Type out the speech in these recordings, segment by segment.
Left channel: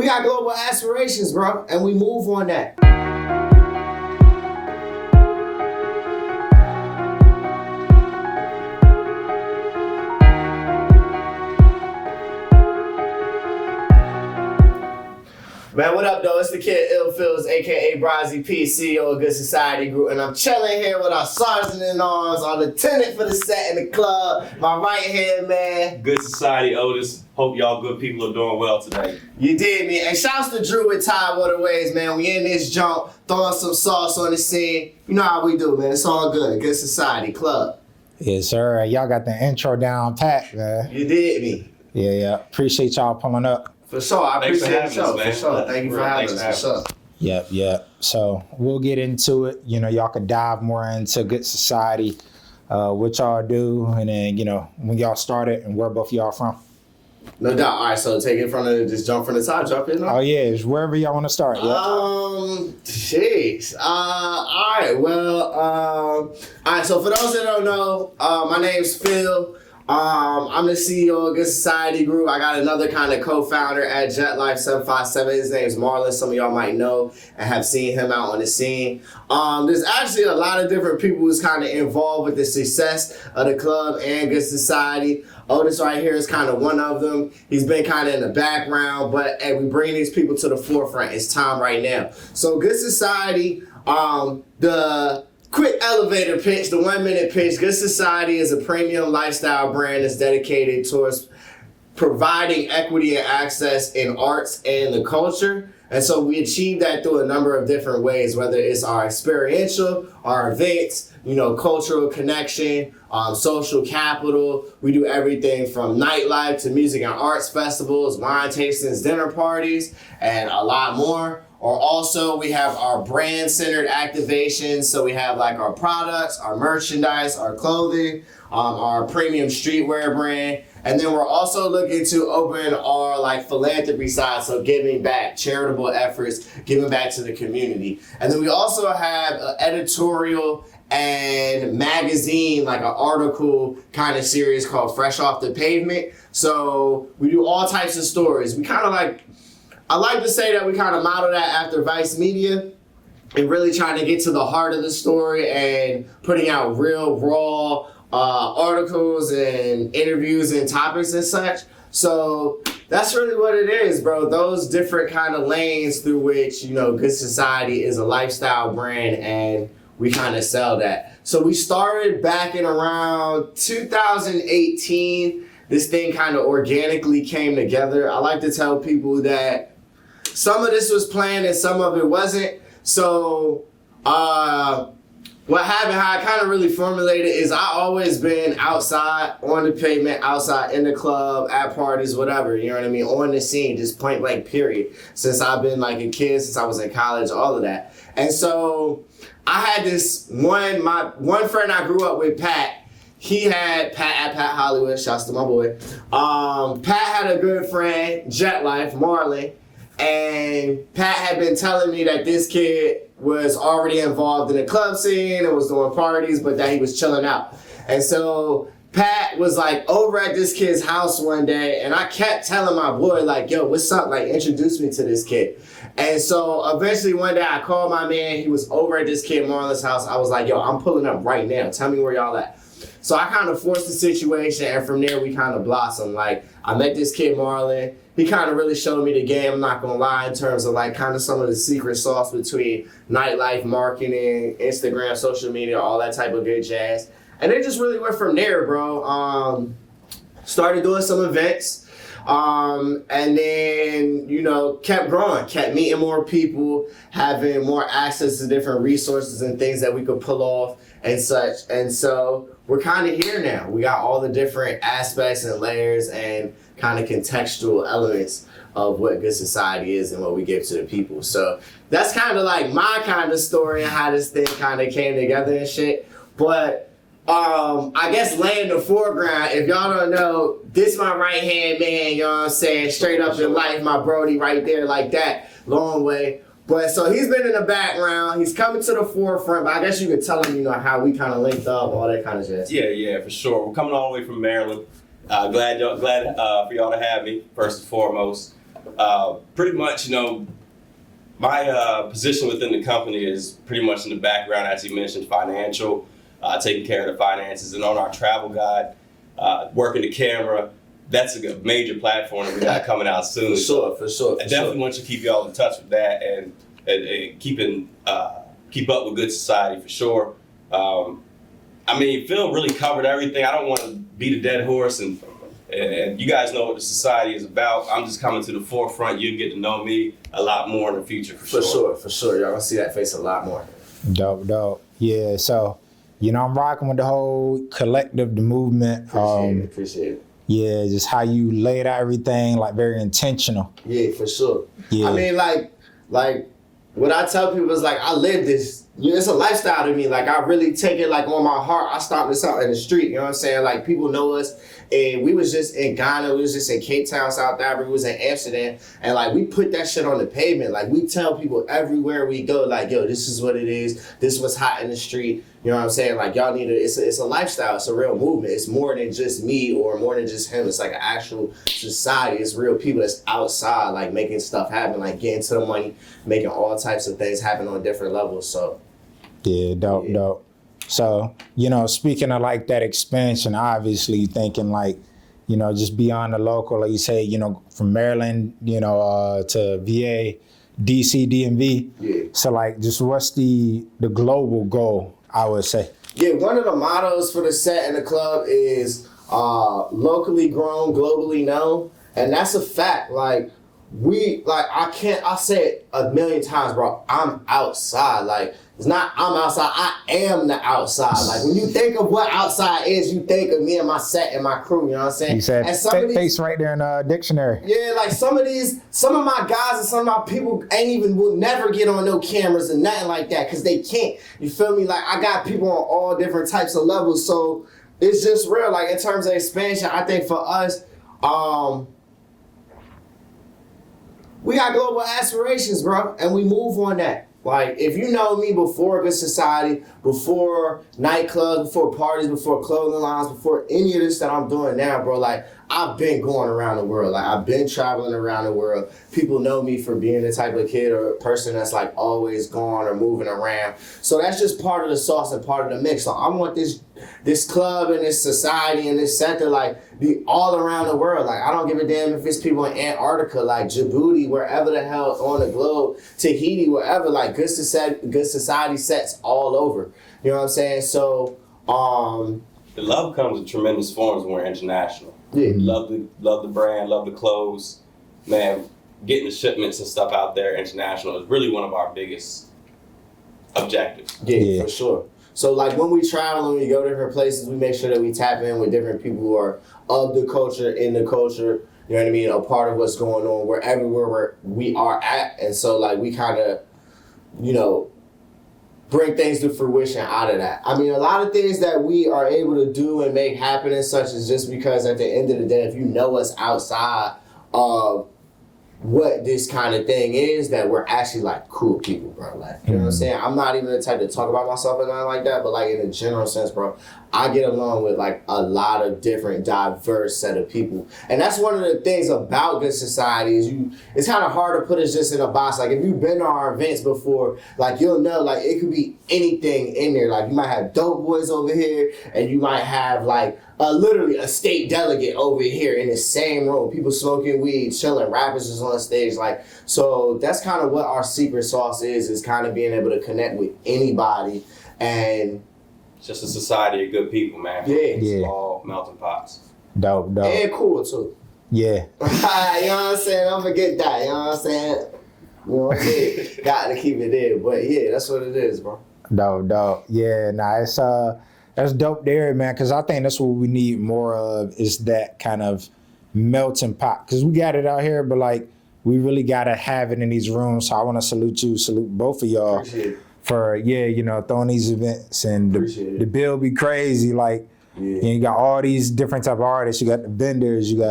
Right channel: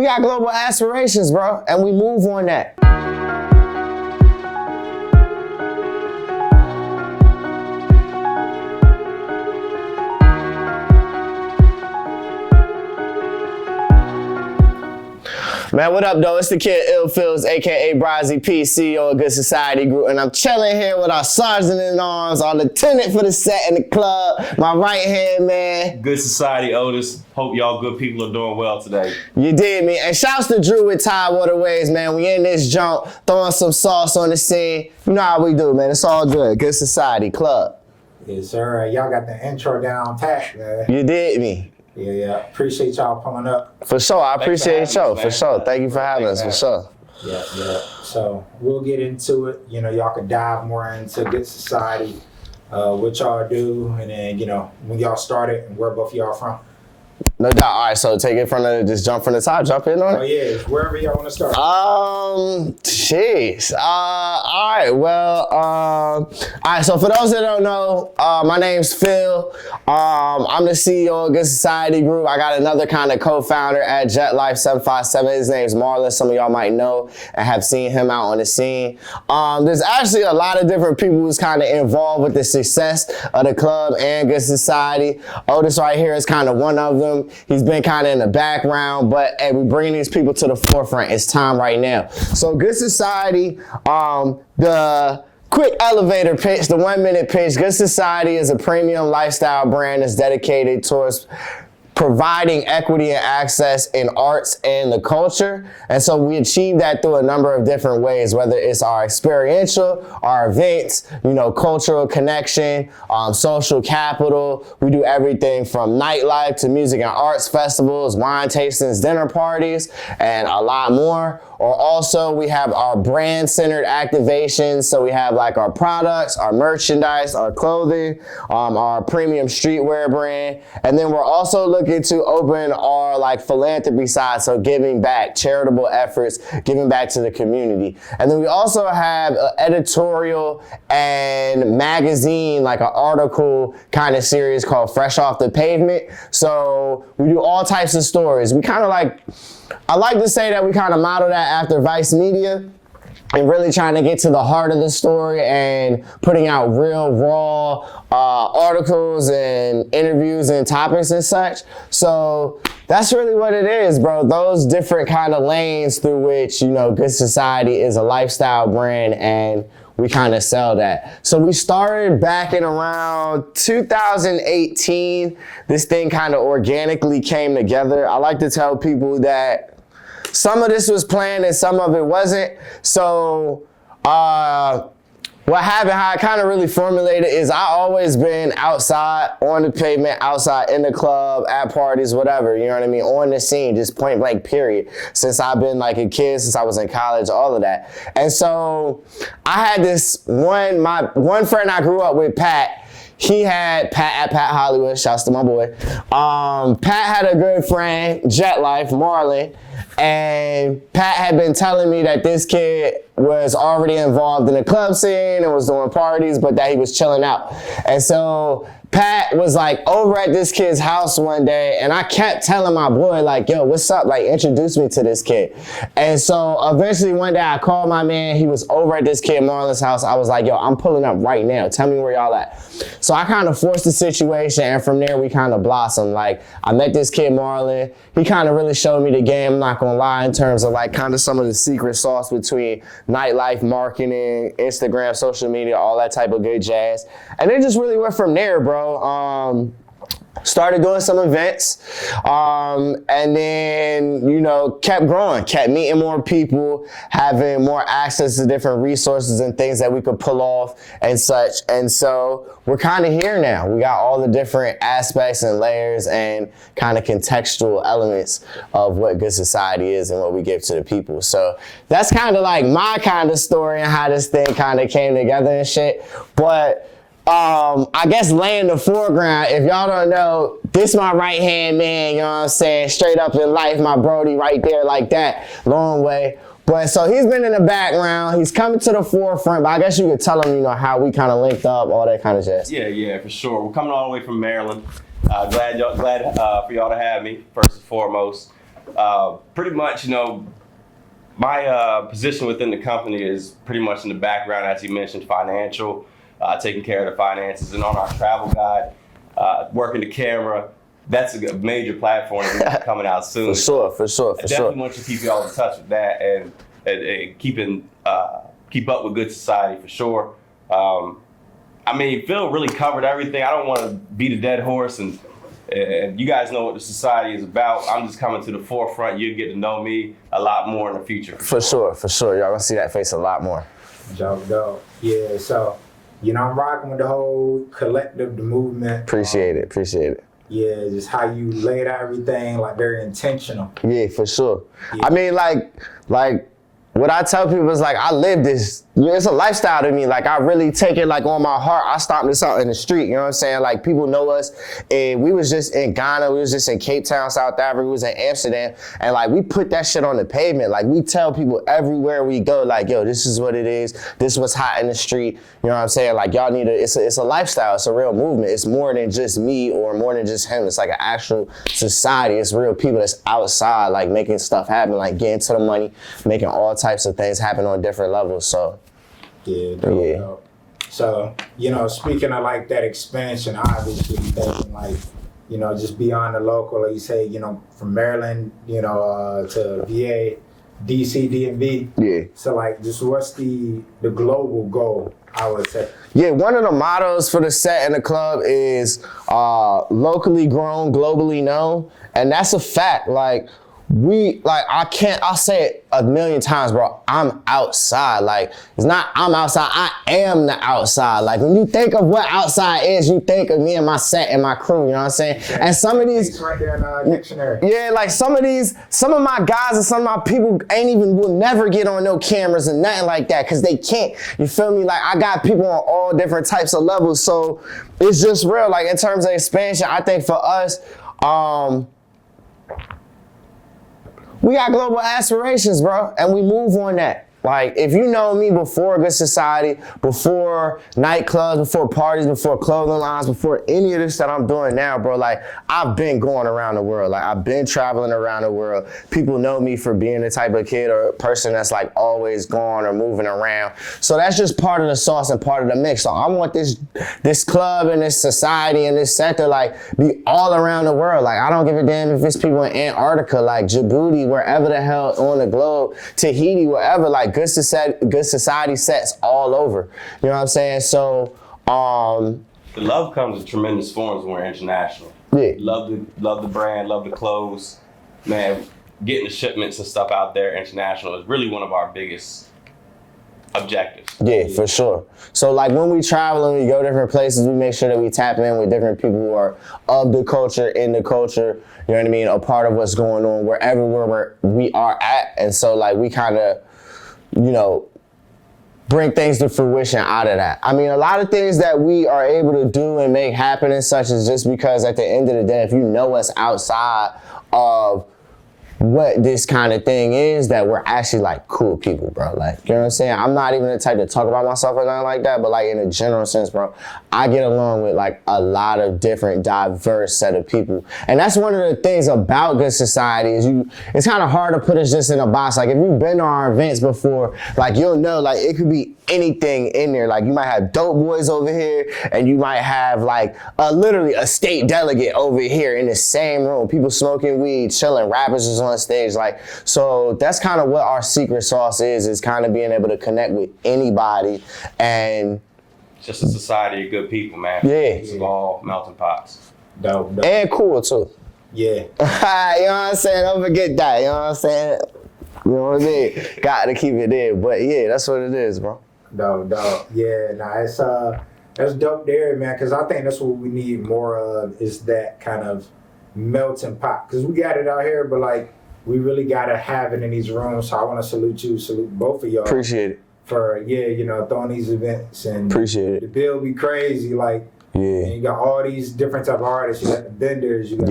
we got global aspirations, bro, and we move on that. Man, what up, though? It's the kid Illfields, a.k.a. Brazzy P, CEO of Good Society Group, and I'm chilling here with our sergeant-in-arms, our lieutenant for the set in the club, my right-hand man. Good Society Otis. Hope y'all good people are doing well today. You did, me. And shouts to Drew with Tide Waterways, man. We in this jump, throwing some sauce on the scene. You know how we do, man. It's all good. Good Society Club. Yes, sir. Y'all got the intro down pat, man. You did, me. Yeah. Appreciate y'all pulling up. For sure. I appreciate the show. For sure. Thank you for having us. For sure. Yeah. So we'll get into it. You know, y'all can dive more into Good Society, what y'all do, and then, you know, when y'all started and where both of y'all from. No doubt. All right, so take it from just jump from the top, jump in on. Oh yeah, it's wherever y'all want to start. Jeez. All right. Well, all right. So for those that don't know, my name's Phil. I'm the CEO of Good Society Group. I got another kind of co-founder at Jet Life 757. His name's Marlon. Some of y'all might know and have seen him out on the scene. There's actually a lot of different people who's kind of involved with the success of the club and Good Society. Otis right here is kind of one of them. He's been kind of in the background, but hey, we bring these people to the forefront. It's time right now. So Good Society, the quick elevator pitch, the 1 minute pitch. Good Society is a premium lifestyle brand that's dedicated towards providing equity and access in arts and the culture. And so we achieve that through a number of different ways, whether it's our experiential, our events, you know, cultural connection, social capital. We do everything from nightlife to music and arts festivals, wine tastings, dinner parties, and a lot more. Or also we have our brand-centered activations. So we have like our products, our merchandise, our clothing, our premium streetwear brand. And then we're also looking to open our like philanthropy side. So giving back, charitable efforts, giving back to the community. And then we also have an editorial and magazine, like an article kind of series called Fresh Off the Pavement. So we do all types of stories. We kind of like, I like to say that we kind of model that after Vice Media and really trying to get to the heart of the story and putting out real raw articles and interviews and topics and such. So that's really what it is, bro. Those different kind of lanes through which, you know, Good Society is a lifestyle brand and we kind of sell that. So we started back in around 2018. This thing kind of organically came together. I like to tell people that some of this was planned and some of it wasn't. So what happened, how I kind of really formulated is I always been outside, on the pavement, outside in the club, at parties, whatever, you know what I mean, on the scene, just point blank period. Since I've been like a kid, since I was in college, all of that. And so I had this my one friend I grew up with, Pat. He had Pat Hollywood, shouts to my boy. Pat had a good friend, Jet Life, Marlon. And Pat had been telling me that this kid was already involved in the club scene and was doing parties, but that he was chilling out. And so Pat was like over at this kid's house one day, and I kept telling my boy, like, yo, what's up? Like, introduce me to this kid. And so eventually one day I called my man. He was over at this kid Marlon's house. I was like, yo, I'm pulling up right now. Tell me where y'all at. So I kind of forced the situation, and from there we kind of blossomed. Like, I met this kid Marlon. He kind of really showed me the game, I'm not gonna lie, in terms of like kind of some of the secret sauce between nightlife, marketing, Instagram, social media, all that type of good jazz. And it just really went from there, bro. Started doing some events, and then, you know, kept growing, kept meeting more people, having more access to different resources and things that we could pull off and such. And so we're kind of here now. We got all the different aspects and layers and kind of contextual elements of what Good Society is and what we give to the people. So that's kind of like my kind of story and how this thing kind of came together and shit. But I guess laying the foreground, if y'all don't know, this my right hand man, you know what I'm saying, straight up in life, my Brody right there like that, long way. But so he's been in the background, he's coming to the forefront, but I guess you could tell him, you know, how we kind of linked up, all that kind of jazz. Yeah, for sure. We're coming all the way from Maryland. Glad for y'all to have me, first and foremost. Pretty much, my position within the company is pretty much in the background, as you mentioned, financial, taking care of the finances, and on our travel guide, working the camera. That's a major platform that we got coming out soon. For sure. I definitely want you to keep y'all in touch with that and keep up with Good Society for sure. Phil really covered everything. I don't want to beat a dead horse, and you guys know what the society is about. I'm just coming to the forefront. You'll get to know me a lot more in the future. For sure. Y'all gonna see that face a lot more. Dope. Yeah, so, I'm rocking with the whole collective, the movement. Appreciate it. Yeah, just how you laid out everything, like very intentional. Yeah, for sure. Yeah. I mean, like what I tell people is like, I live this. It's a lifestyle to me. Like, I really take it like on my heart. I stomp this out in the street. You know what I'm saying? Like, people know us. And we was just in Ghana. We was just in Cape Town, South Africa. We was in Amsterdam. And like, we put that shit on the pavement. Like, we tell people everywhere we go, like, yo, this is what it is. This was hot in the street. You know what I'm saying? Like, y'all need it's a lifestyle. It's a real movement. It's more than just me or more than just him. It's like an actual society. It's real people that's outside, like, making stuff happen, like getting to the money, making all types of things happen on different levels. So, yeah, dope. So, speaking of like that expansion, obviously thinking like, just beyond the local, like you say, from Maryland, to VA, DC, DMV. Yeah. So like, just what's the global goal, I would say? Yeah, one of the mottos for the set and the club is locally grown, globally known. And that's a fact. Like, I'll say it a million times, bro. I'm outside. Like, it's not I'm outside, I am the outside. Like, when you think of what outside is, you think of me and my set and my crew, you know what I'm saying? And some of these right there in the dictionary. Yeah, like some of my guys and some of my people will never get on no cameras and nothing like that, because they can't. You feel me? Like, I got people on all different types of levels. So it's just real. Like, in terms of expansion, I think for us, we got global aspirations, bro, and we move on that. Like, if you know me before Good Society, before nightclubs, before parties, before clothing lines, before any of this that I'm doing now, bro, like, I've been going around the world. Like, I've been traveling around the world. People know me for being the type of kid or person that's, like, always gone or moving around. So that's just part of the sauce and part of the mix. So I want this club and this society and this sector, like, be all around the world. Like, I don't give a damn if it's people in Antarctica, like Djibouti, wherever the hell on the globe, Tahiti, wherever, like, Good Society sets all over. You know what I'm saying? So, the love comes in tremendous forms when we're international. Yeah. Love the brand, love the clothes. Man, getting the shipments and stuff out there international is really one of our biggest objectives. Yeah, for sure. So like when we travel and we go to different places, we make sure that we tap in with different people who are of the culture, in the culture, you know what I mean, a part of what's going on wherever we are at. And so like we kind of, bring things to fruition out of that. I mean, a lot of things that we are able to do and make happen and such is just because at the end of the day, if you know us outside of what this kind of thing is, that we're actually like cool people, bro. Like, you know what I'm saying? I'm not even the type to talk about myself or nothing like that, but like in a general sense, bro, I get along with like a lot of different diverse set of people. And that's one of the things about Good Society is it's kind of hard to put us just in a box. Like if you've been to our events before, like you'll know like it could be anything in there. Like you might have dope boys over here and you might have like literally a state delegate over here in the same room. People smoking weed, chilling, rappers is on stage. Like, so that's kind of what our secret sauce is kind of being able to connect with anybody and just a society of good people, man. Yeah. Small melting pots. Dope. And cool too. Yeah. You know what I'm saying? Don't forget that. You know what I'm saying? Got to keep it there. But yeah, that's what it is, bro. Dope. Yeah, it's that's dope there, man, because I think that's what we need more of is that kind of melting pot. Because we got it out here, but like we really got to have it in these rooms. So I want to salute both of y'all. Appreciate it. For, throwing these events. And appreciate it. The bill be crazy, like, and you got all these different type of artists. You got the vendors, you got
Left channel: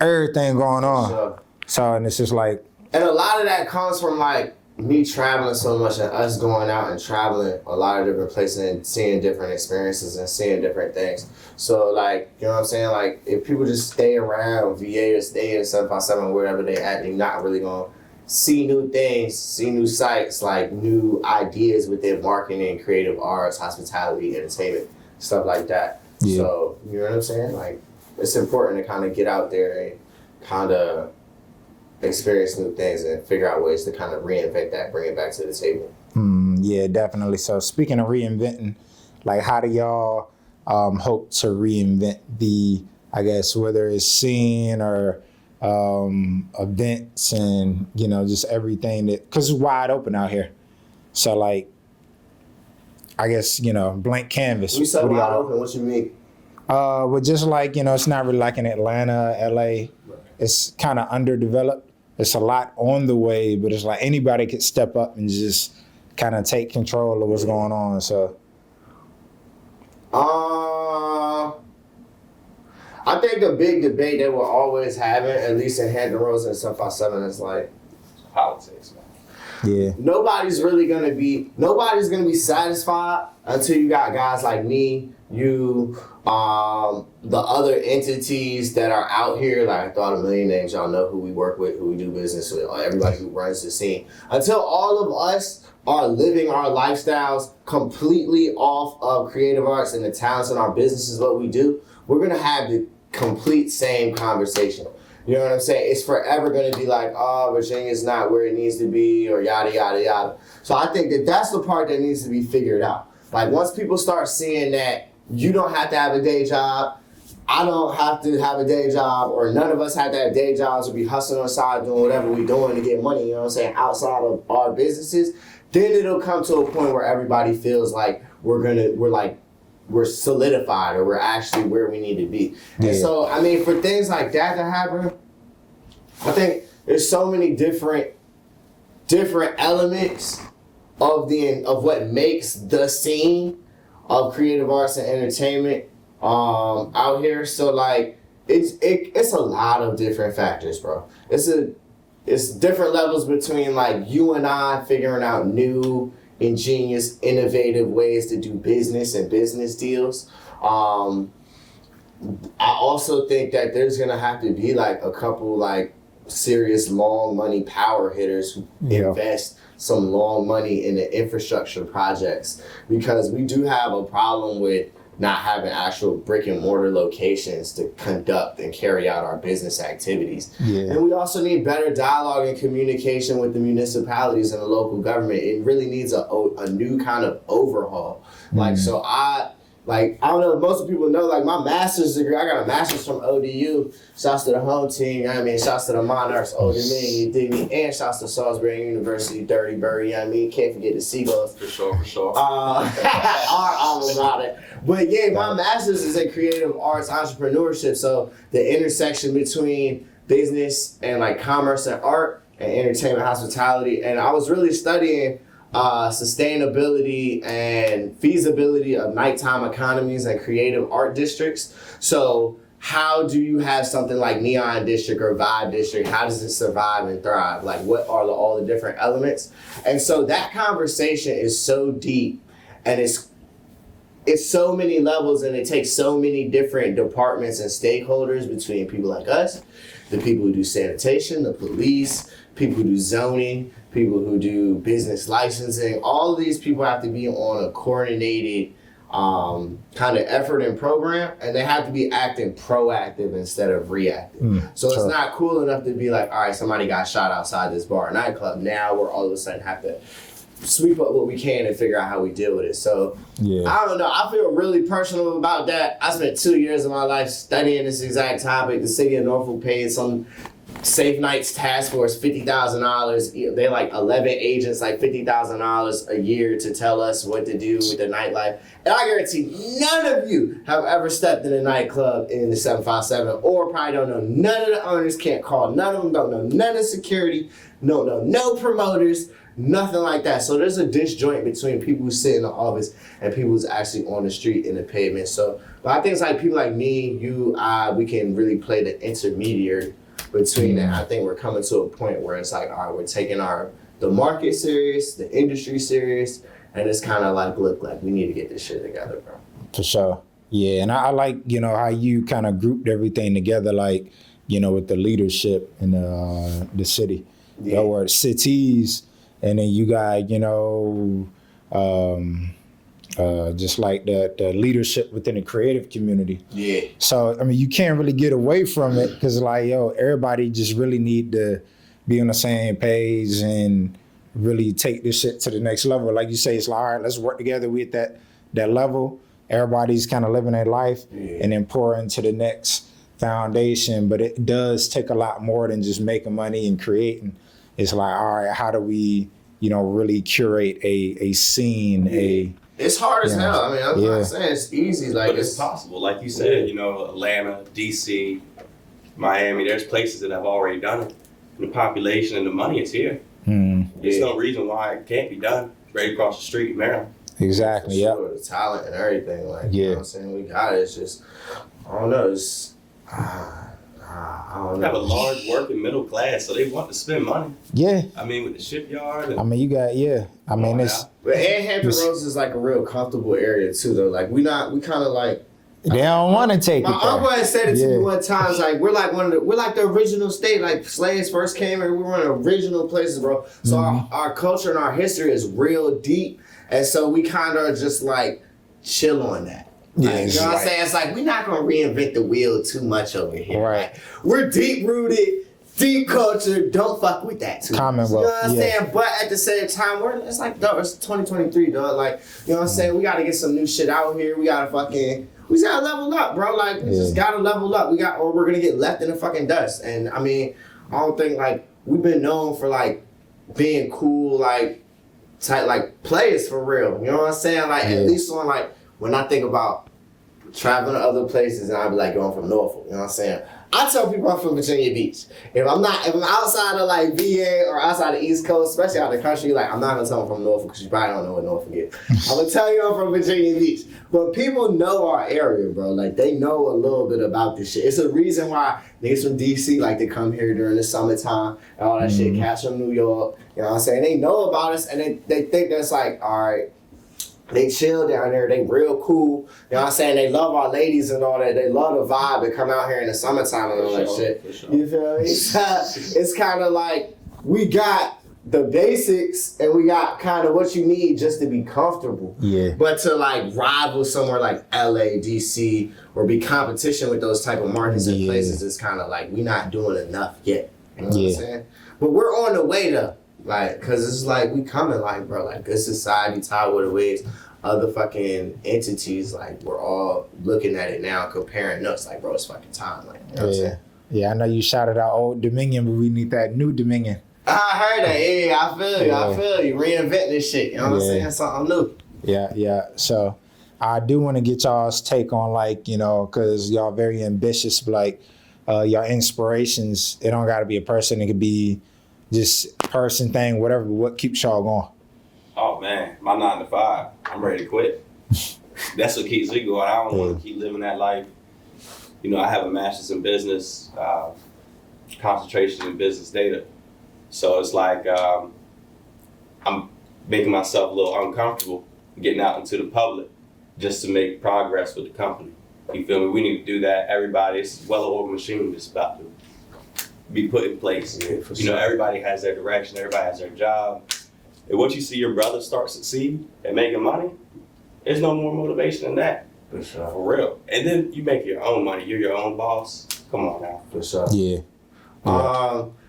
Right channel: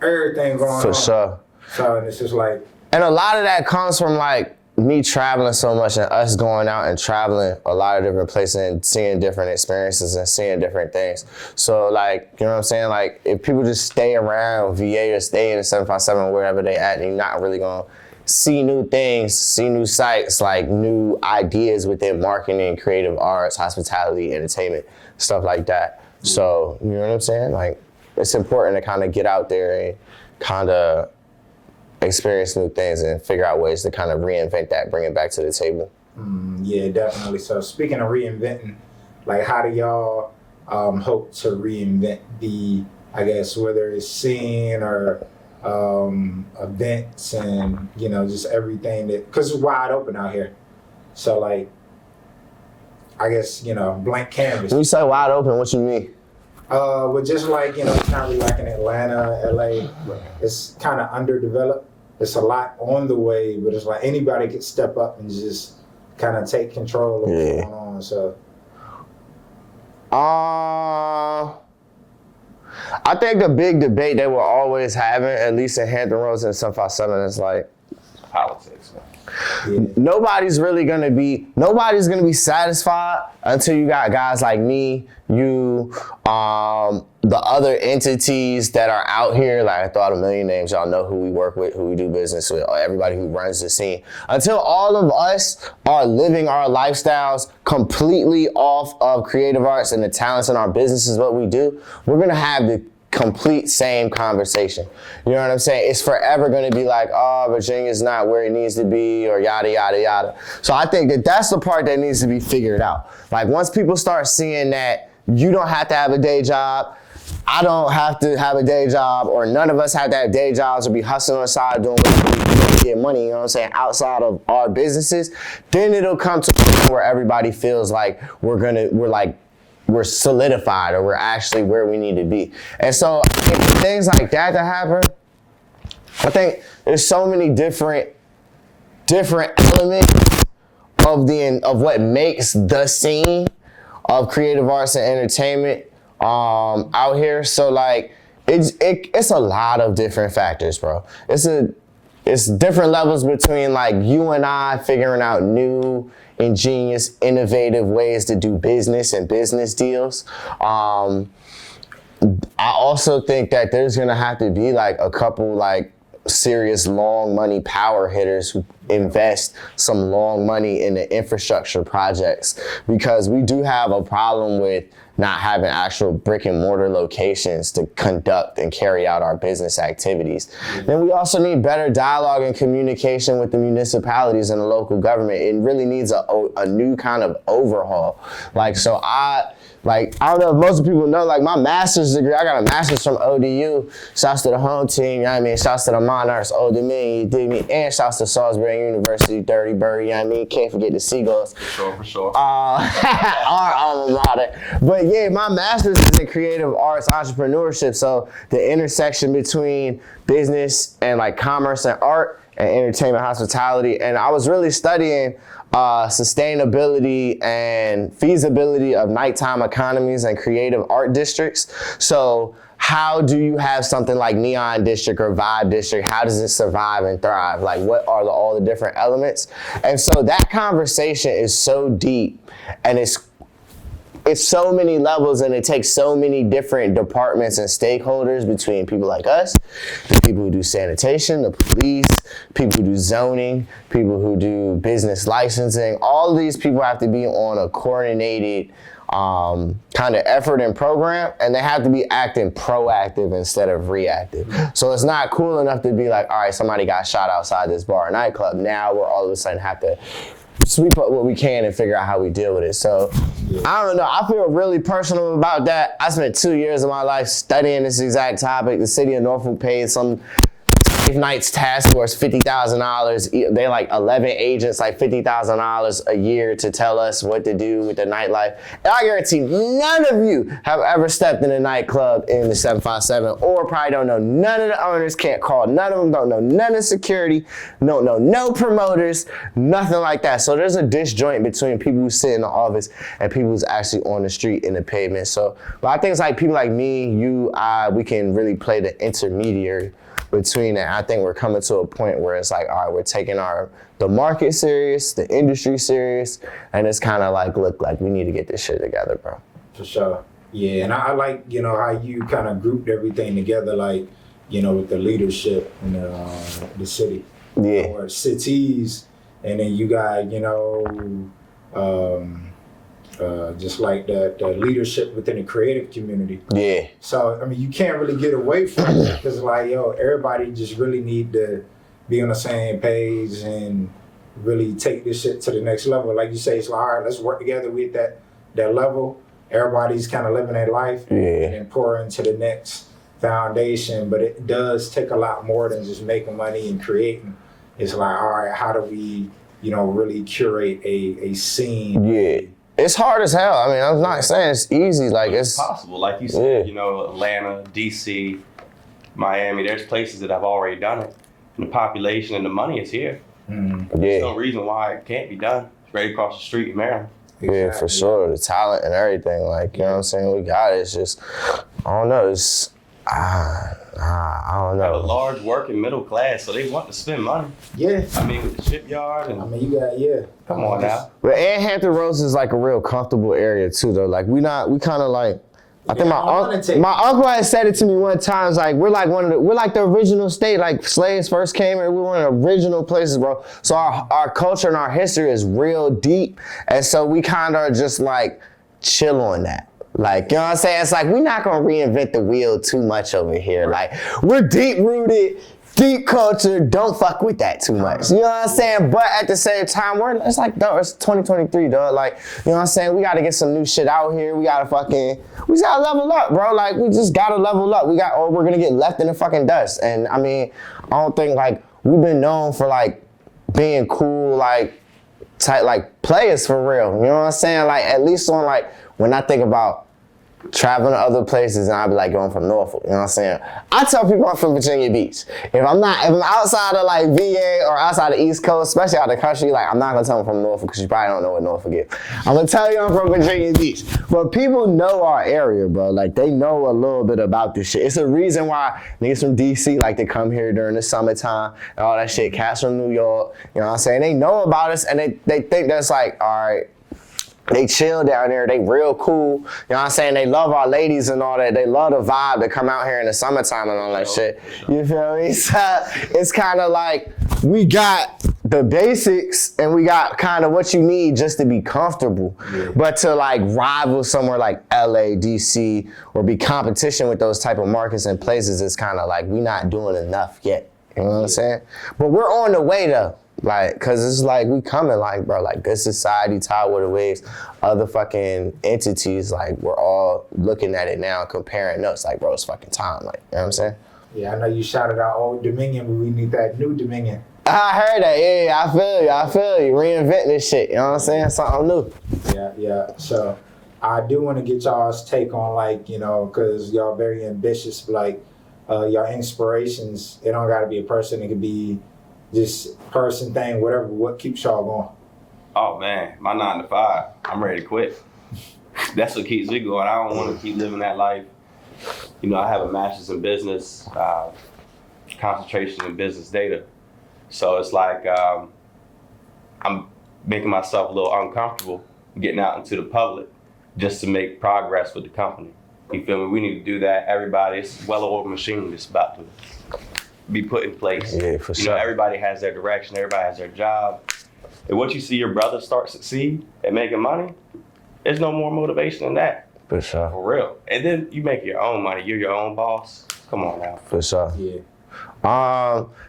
everything going on. For sure. So, and it's just like. And a lot of that comes from like me traveling so much and us going out and traveling a lot of different places and seeing different experiences and seeing different things. So like, you know what I'm saying? Like if people just stay around VA or stay in 757 wherever they at, they're not really gonna see new things, see new sites, like new ideas within marketing, creative arts, hospitality, entertainment, stuff like that. Yeah. So, you know what I'm saying? Like it's important to kind of get out there and kind of experience new things and figure out ways to kind of reinvent that, bring it back to the table. Yeah, definitely. So speaking of reinventing, like how do y'all hope to reinvent the, I guess, whether it's scene or events and, you know, just everything that, because it's wide open out here. So like, I guess, you know, blank canvas. When you say wide open, what you mean? Well, just like, you know, it's not really like in Atlanta, LA. It's kind of underdeveloped. It's a lot on the way, but it's like anybody could step up and just kind of take control of what's going on. So, I think the big debate that we're always having, at least in Hampton Roads and 757, is like politics. yeah. Nobody's gonna be satisfied until you got guys like me, you, the other entities that are out here. Like I thought a million names, y'all know who we work with, who we do business with, everybody who runs the scene. Until all of us are living our lifestyles completely off of creative arts and the talents in our businesses, what we do, we're gonna have the complete same conversation. You know what I'm saying? It's forever going to be like, oh, Virginia's not where it needs to be, or yada, yada, yada. So I think that that's the part that needs to be figured out. Like once people start seeing that you don't have to have a day job, I don't have to have a day job, or none of us have to have day jobs or be hustling on the side doing whatever we do to get money, you know what I'm saying, outside of our businesses, then it'll come to a point where everybody feels like we're solidified or we're actually where we need to be. And so, I mean, for things like that to happen, I think there's so many different elements of what makes the scene of creative arts and entertainment out here. So like, it's a lot of different factors, bro. It's different levels between like you and I figuring out new, ingenious, innovative ways to do business and business deals. I also think that there's gonna have to be like a couple like serious long money power hitters who invest some long money in the infrastructure projects, because we do have a problem with not having actual brick and mortar locations to conduct and carry out our business activities. And we also need better dialogue and communication with the municipalities and the local government. It really needs a new kind of overhaul. Like, so I don't know if most people know, like my master's degree, I got a master's from ODU. Shouts to the home team, you know what I mean? Shouts to the Monarchs, older than me, you dig me? And shouts to Salisbury University, Dirty Bird, you know what I mean? Can't forget the Seagulls. For sure. Our alma mater. But yeah, my master's is in creative arts entrepreneurship. So the intersection between business and like commerce and art and entertainment, hospitality. And I was really studying sustainability and feasibility of nighttime economies and creative art districts. So how do you have something like Neon District or Vibe District? How does it survive and thrive? Like what are all the different elements? And so that conversation is so deep, and it's so many levels, and it takes so many different departments and stakeholders between people like us, the people who do sanitation, the police, people who do zoning, people who do business licensing. All of these people have to be on a coordinated kind of effort and program, and they have to be acting proactive instead of reactive. So it's not cool enough to be like, all right, somebody got shot outside this bar or nightclub. Now we're all of a sudden have to sweep up what we can and figure out how we deal with it. So I don't know. I feel really personal about that. I spent 2 years of my life studying this exact topic. The city of Norfolk paid some Safe Nights Task Force $50,000. They like 11 agents, like $50,000 a year to tell us what to do with the nightlife. And I guarantee none of you have ever stepped in a nightclub in the 757, or probably don't know none of the owners, can't call none of them, don't know none of security, don't know no promoters, nothing like that. So there's a disjoint between people who sit in the office and people who's actually on the street in the pavement. So, but I think it's like people like me, you, we can really play the intermediary between it. I think we're coming to a point where it's like, all right, we're taking the market serious, the industry serious, and it's kind of like, look, like we need to get this shit together, bro. For sure. Yeah, and I like, how you kind of grouped everything together, like, with the leadership in the city, or cities, and then you got, just like the leadership within the creative community. Yeah. So, I mean, you can't really get away from it because, like, everybody just really need to be on the same page and really take this shit to the next level. Like you say, it's like, all right, let's work together with that level. Everybody's kind of living their life and then pour into the next foundation. But it does take a lot more than just making money and creating. It's like, all right, how do we, really curate a scene? Yeah. It's hard as hell. I mean, I'm not saying it's easy. Like, but it's possible. Like you said, Atlanta, DC, Miami, there's places that have already done it. And the population and the money is here. There's no reason why it can't be done. It's right across the street in Maryland. Exactly. Yeah, for sure. The talent and everything. Like, you know what I'm saying? We got it. It's just, I don't know. It's, I don't know. They have a large working middle class, so they want to spend money. Yeah. I mean, with the shipyard. And, I mean, you got, I mean, but Hampton Roads is like a real comfortable area too, though. Like, we kind of like, they don't want to take my uncle had said it to me one time. It's like, we're like the original state. Like, slaves first came here, we were in original places, bro. So our culture and our history is real deep. And so we kind of just like chill on that. Like, you know what I'm saying? It's like, we're not going to reinvent the wheel too much over here. Right. Like, we're deep rooted, deep culture. Don't fuck with that too much. You know what I'm saying? But at the same time, it's like, it's 2023, dog. Like, you know what I'm saying? We got to get some new shit out here. We got to level up, bro. Like, we just got to level up. We're going to get left in the fucking dust. And I mean, I don't think, like, we've been known for, like, being cool, like, type, like, players for real. You know what I'm saying? Like, at least on, like, when I think about traveling to other places, and I'd be like, going from Norfolk, you know what I'm saying? I tell people I'm from Virginia Beach. If I'm outside of like VA or outside the East Coast, especially out of the country, like, I'm not gonna tell them from Norfolk because you probably don't know what Norfolk is. I'm gonna tell you I'm from Virginia Beach. But people know our area, bro. Like, they know a little bit about this shit. It's a reason why niggas from DC like to come here during the summertime and all that shit. Cats from New York, you know what I'm saying? They know about us and they think that's like, all right, they chill down there. They real cool. You know what I'm saying? They love our ladies and all that. They love the vibe to come out here in the summertime and all that shit. You feel me? So it's kind of like we got the basics and we got kind of what you need just to be comfortable. Yeah. But to like rival somewhere like LA, DC, or be competition with those type of markets and places, it's kind of like we not doing enough yet. You know what I'm saying? But we're on the way though. Like, cause it's like we coming, like, bro, like Good Society, Tidewater Waves, other fucking entities, like we're all looking at it now, comparing notes, like, bro, it's fucking time, like, you know what I'm saying? Yeah, I know you shouted out Old Dominion, but we need that new Dominion. I heard that, yeah, I feel you, reinventing this shit, you know what I'm saying? Something new. Yeah. So I do want to get y'all's take on, like, cause y'all very ambitious, but like, y'all inspirations, it don't gotta be a person, it could be just person, thing, whatever. What keeps y'all going? Oh man, my 9 to 5. I'm ready to quit. That's what keeps me going. I don't want to keep living that life. I have a master's in business, concentration in business data. So it's like I'm making myself a little uncomfortable getting out into the public just to make progress with the company. You feel me? We need to do that. Everybody, it's well-oiled machine that's about to be put in place. Yeah, for sure. Everybody has their direction, everybody has their job. And once you see your brother start succeed at making money, there's no more motivation than that. For sure. For real. And then you make your own money. You're your own boss. Come on now. For sure. Yeah.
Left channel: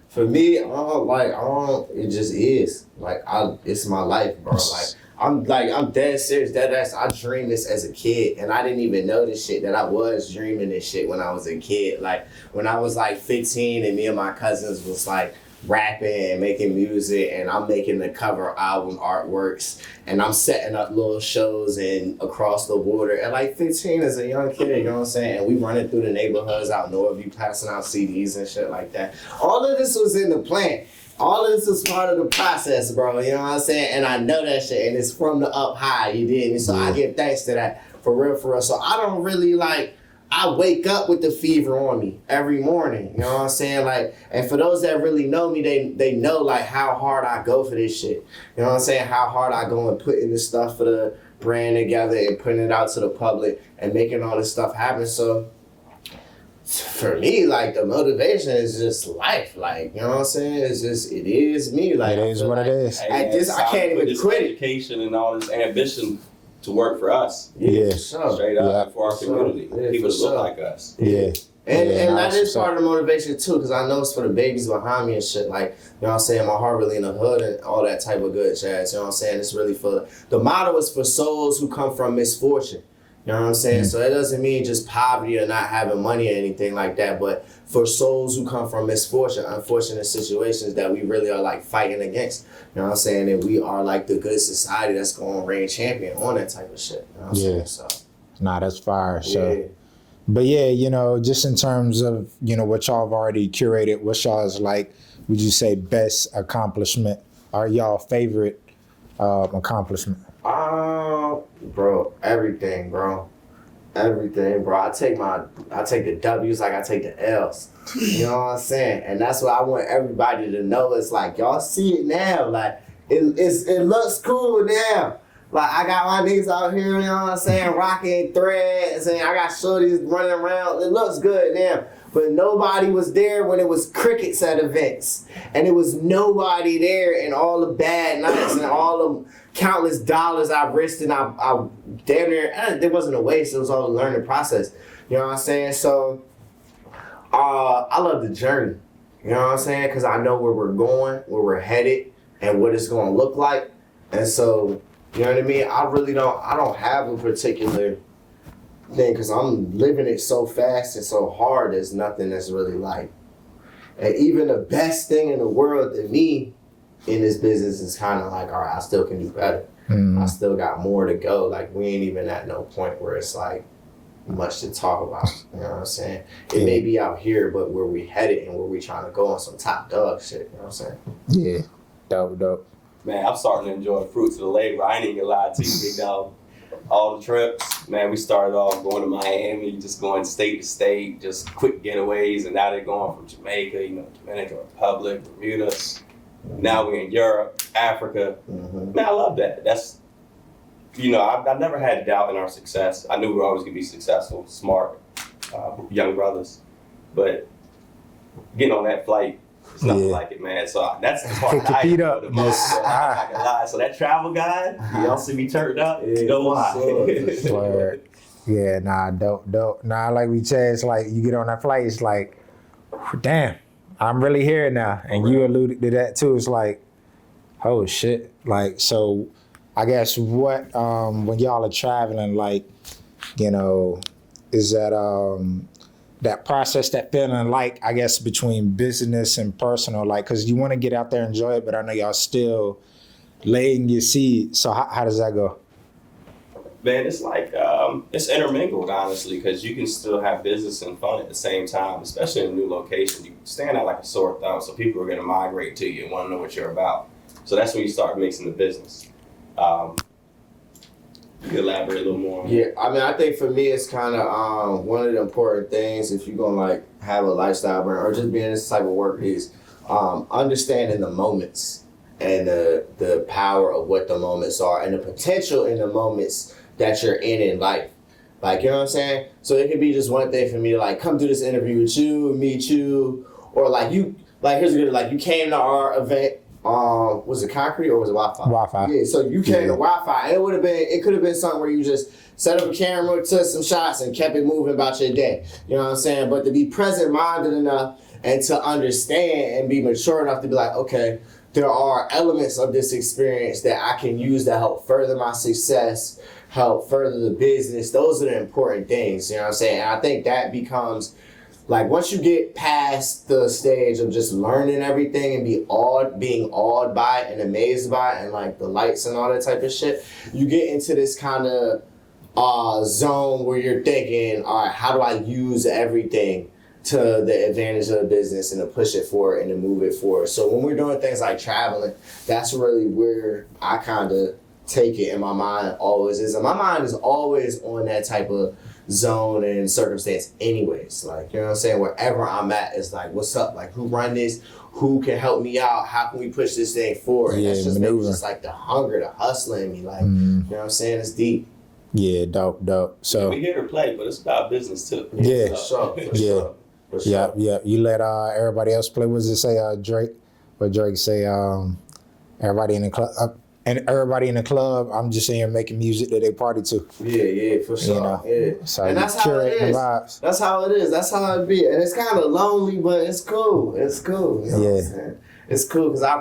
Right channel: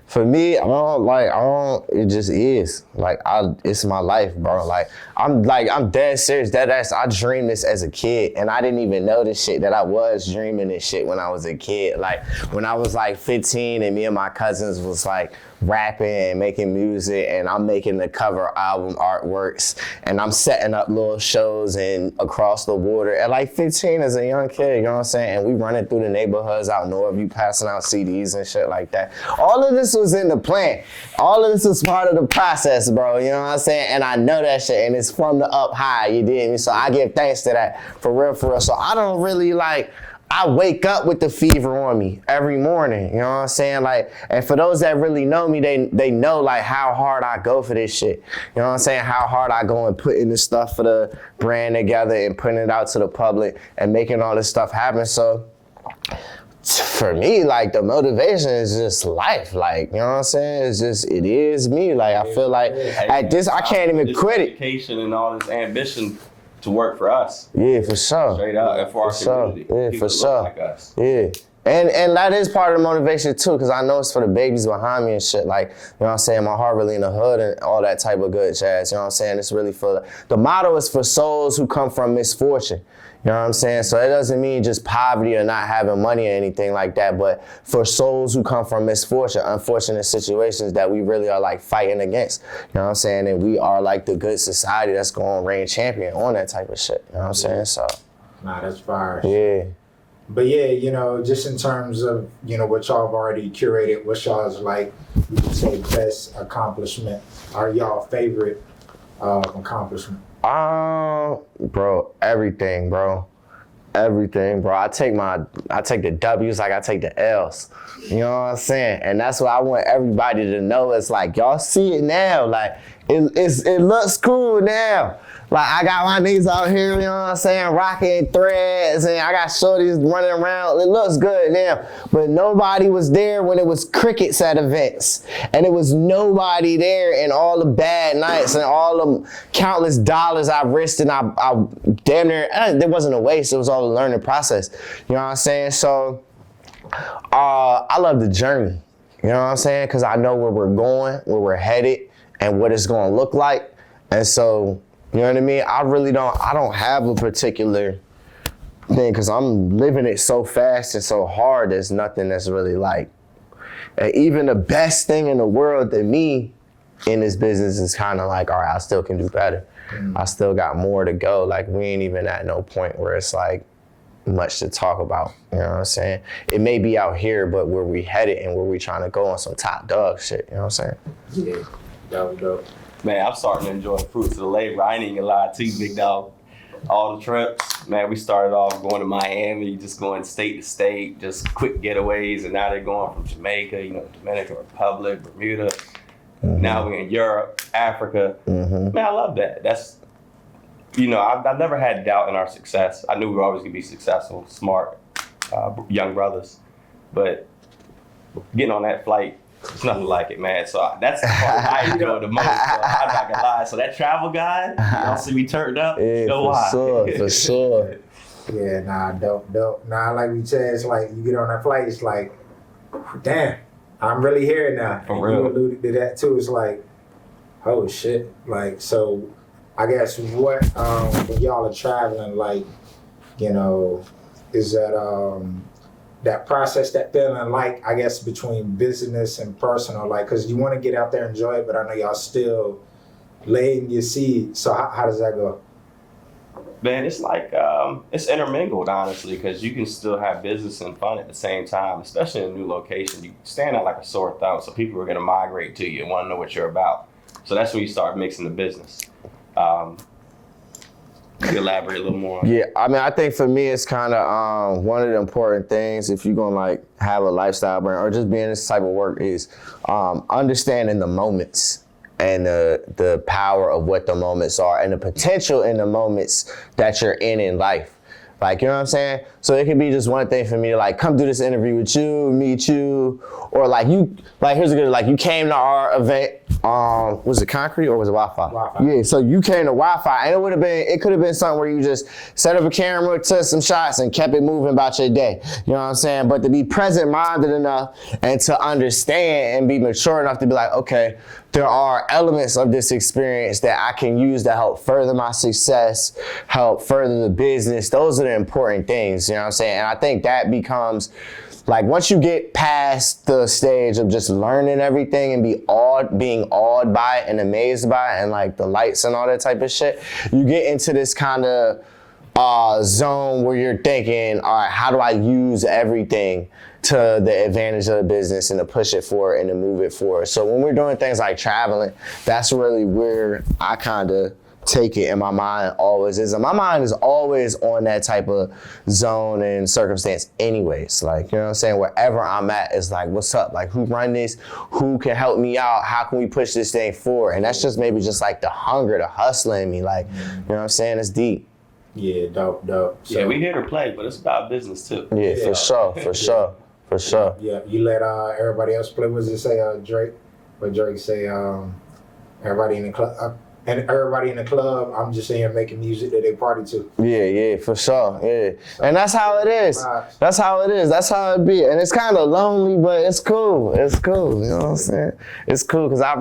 For me, it just is. Like, it's my life, bro. Like, I'm dead serious, dead ass. I dreamed this as a kid, and I didn't even know this shit, that I was dreaming this shit when I was a kid. Like, when I was like 15 and me and my cousins was like rapping and making music, and I'm making the cover album artworks, and I'm setting up little shows and across the water at like 15 as a young kid, you know what I'm saying? And we running through the neighborhoods out north, you passing out CDs and shit like that. All of this was in the plan. All of this was part of the process, bro, you know what I'm saying? And I know that shit, and it's from the up high, you did. So I give thanks to that, for real. So I don't really like I wake up with the fever on me every morning. You know what I'm saying? Like, and for those that really know me, they know like how hard I go for this shit. You know what I'm saying? How hard I go and putting this stuff for the brand together and putting it out to the public and making all this stuff happen. So for me, like, the motivation is just life. Like, you know what I'm saying? It is me. Like, I feel like at this, I can't even quit it. Education and all this ambition to work for us. Yeah, for sure. Straight up, and for our community. Yeah, People for that sure. look like us. Yeah. And that is part of the motivation too, because I know it's for the babies behind me and shit. Like, you know what I'm saying? My heart really in the hood and all that type of good jazz. You know what I'm saying? It's really for, the motto is for souls who come from misfortune. You know what I'm saying? So it doesn't mean just poverty or not having money or anything like that, but for souls who come from misfortune, unfortunate situations that we really are like fighting against. You know what I'm saying? And we are like the good society that's going to reign champion on that type of shit. You know what I'm saying? So. Nah, that's fire. Yeah. So. But yeah, you know, just in terms of, you know, what y'all have already curated, what y'all's like, would you say best accomplishment or y'all favorite accomplishment? Bro, everything, bro. Everything, bro. I take the W's like I take the L's. You know what I'm saying? And that's what I want everybody to know. It's like, y'all see it now. Like, it looks cool now. Like, I got my niggas out here, you know what I'm saying, rocking threads, and I got shorties running around. It looks good now. But nobody was there when it was crickets at events. And it was nobody there in all the bad nights and all the countless dollars I risked, and I damn near, it wasn't a waste, it was all a learning process. You know what I'm saying? So, I love the journey. You know what I'm saying? Because I know where we're going, where we're headed, and what it's going to look like. And so, you know what I mean? I don't have a particular thing because I'm living it so fast and so hard. There's nothing that's really like, and even the best thing in the world to me in this business is kind of like, all right, I still can do better. Mm-hmm. I still got more to go. Like, we ain't even at no point where it's like much to talk about. You know what I'm saying? It may be out here, but where we headed and where we trying to go on some top dog shit. You know what I'm saying? Yeah, dope. Man, I'm starting to enjoy the fruits of the labor. I ain't even gonna lie to you, big dog. All the trips, man, we started off going to Miami, just going state to state, just quick getaways, and now they're going from Jamaica, you know, Dominican Republic, Bermuda. Mm-hmm. Now we're in Europe, Africa. Mm-hmm. Man, I love that. That's, you know, I never had doubt in our success. I knew we were always gonna be successful, smart, young brothers. But getting on that flight, it's nothing like it, man. So that's the part I enjoy the most. So I'm not gonna lie. So that travel guide, you don't see me turned up, you know why? For sure. Yeah, dope. Nah, like we said, it's like you get on that flight, it's like, damn, I'm really here now. And you alluded to that too. It's like, oh shit. Like, so I guess what, when y'all are traveling, like, you know, is that process, that feeling like, I guess, between business and personal, like, because you want to get out there and enjoy it, but I know y'all still laying your seed. So how does that go? Man, it's like, it's intermingled, honestly, because you can still have business and fun at the same time, especially in a new location. You stand out like a sore thumb, so people are going to migrate to you and want to know what you're about. So that's when you start mixing the business. You can elaborate a little more. Yeah, I mean, I think for me, it's kind of one of the important things if you're going to like have a lifestyle brand or just being this type of work is understanding the moments and the power of what the moments are and the potential in the moments that you're in life. Like, you know what I'm saying? So it can be just one thing for me to like come do this interview with you, meet you, or like you, like here's a good, like you came to our event, was it concrete or was it Wi-Fi? Wi-Fi. Yeah, so you came to Wi-Fi and it could have been something where you just set up a camera, took some shots and kept it moving about your day. You know what I'm saying? But to be present-minded enough and to understand and be mature enough to be like, okay, there are elements of this experience that I can use to help further my success, help further the business. Those are the important things, you know what I'm saying? And I think that becomes, like, once you get past the stage of just learning everything and being awed by it and amazed by it and, like, the lights and all that type of shit, you get into this kind of zone where you're thinking, all right, how do I use everything to the advantage of the business and to push it forward and to move it forward. So when we're doing things like traveling, that's really where I kind of take it in my mind always is. And my mind is always on that type of zone and circumstance anyways. Like, you know what I'm saying? Wherever I'm at is like, what's up? Like, who run this? Who can help me out? How can we push this thing forward? And that's just maybe just like the hunger, the hustling me. Like, you know what I'm saying? It's deep. Yeah, dope. So yeah, we here to play, but it's about business too. Yeah, for sure. For sure. Yeah. You let everybody else play. What does it say, Drake? What Drake say? Everybody in the club. And everybody in the club, I'm just saying, making music that they party to. Yeah, for sure. You know? Yeah. So And that's how it is. That's how it is. That's how it be. And it's kind of lonely, but it's cool. It's cool. You know what I'm saying? It's cool because I'd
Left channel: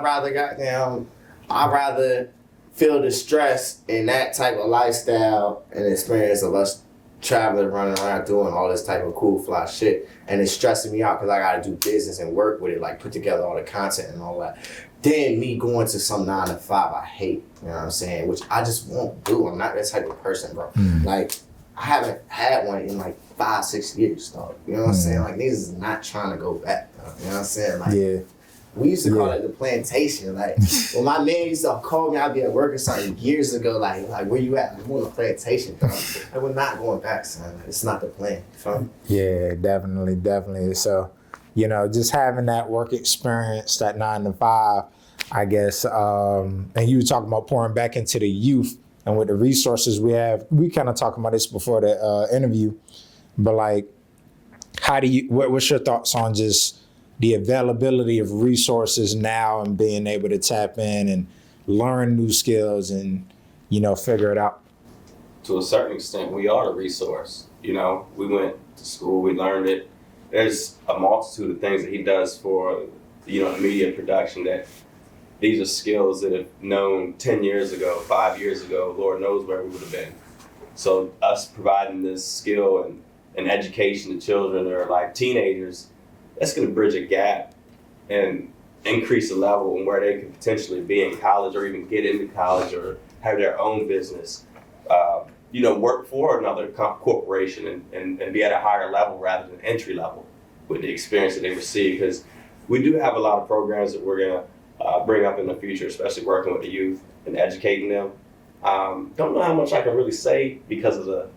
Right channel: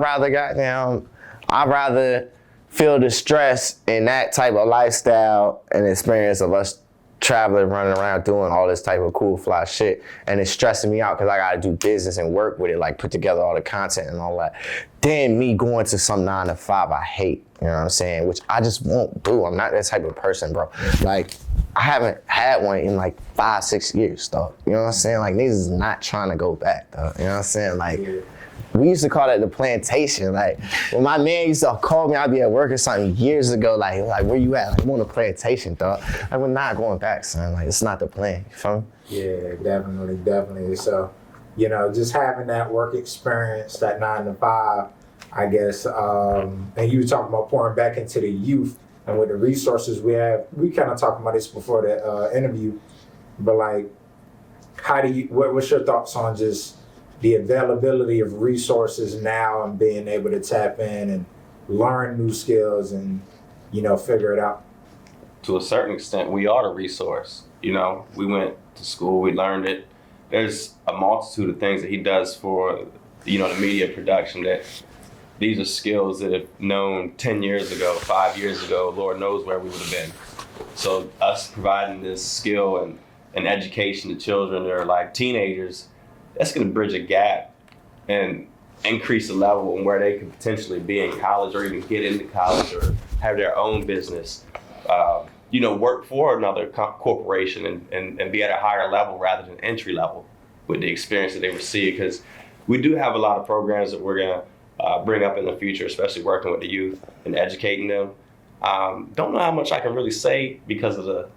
rather feel the stress in that type of lifestyle and experience of us traveling, running around, doing all this type of cool, fly shit. And it's stressing me out because I got to do business and work with it, like put together all the content and all that. Then me going to some 9 to 5 I hate, you know what I'm saying? Which I just won't do. I'm not that type of person, bro. Like, I haven't had one in like 5-6 years, though. You know what I'm saying? Like, niggas is not trying to go back, though. You know what I'm saying? Like, we used to call that the plantation. Like, when my man used to call me, I'd be at work or something years ago, like where you at? Like, I'm on the plantation, dog. Like, we're not going back, son. Like, it's not the plan. You feel me? Yeah, definitely. So, you know, just having that work experience, that 9 to 5, I guess, and you were talking about pouring back into the youth and with the resources we have. We kind of talked about this before the interview, but like, what's your thoughts on just the availability of resources now and being able to tap in and learn new skills and, you know, figure it out? To a certain extent, we are a resource. You know, we went to school, we learned it. There's a multitude of things that he does for, you know, the media production that these are skills that have known 10 years ago, 5 years ago, Lord knows where we would have been. So us providing this skill and education to children that are like teenagers, that's going to bridge a gap and increase the level and where they could potentially be in college or even get into college or have their own business. You know, work for another corporation and be at a higher level rather than entry level with the experience that they receive. Because we do have a lot of programs that we're going to bring up in the future, especially working with the youth and educating them. Don't know how much I can really say because of the,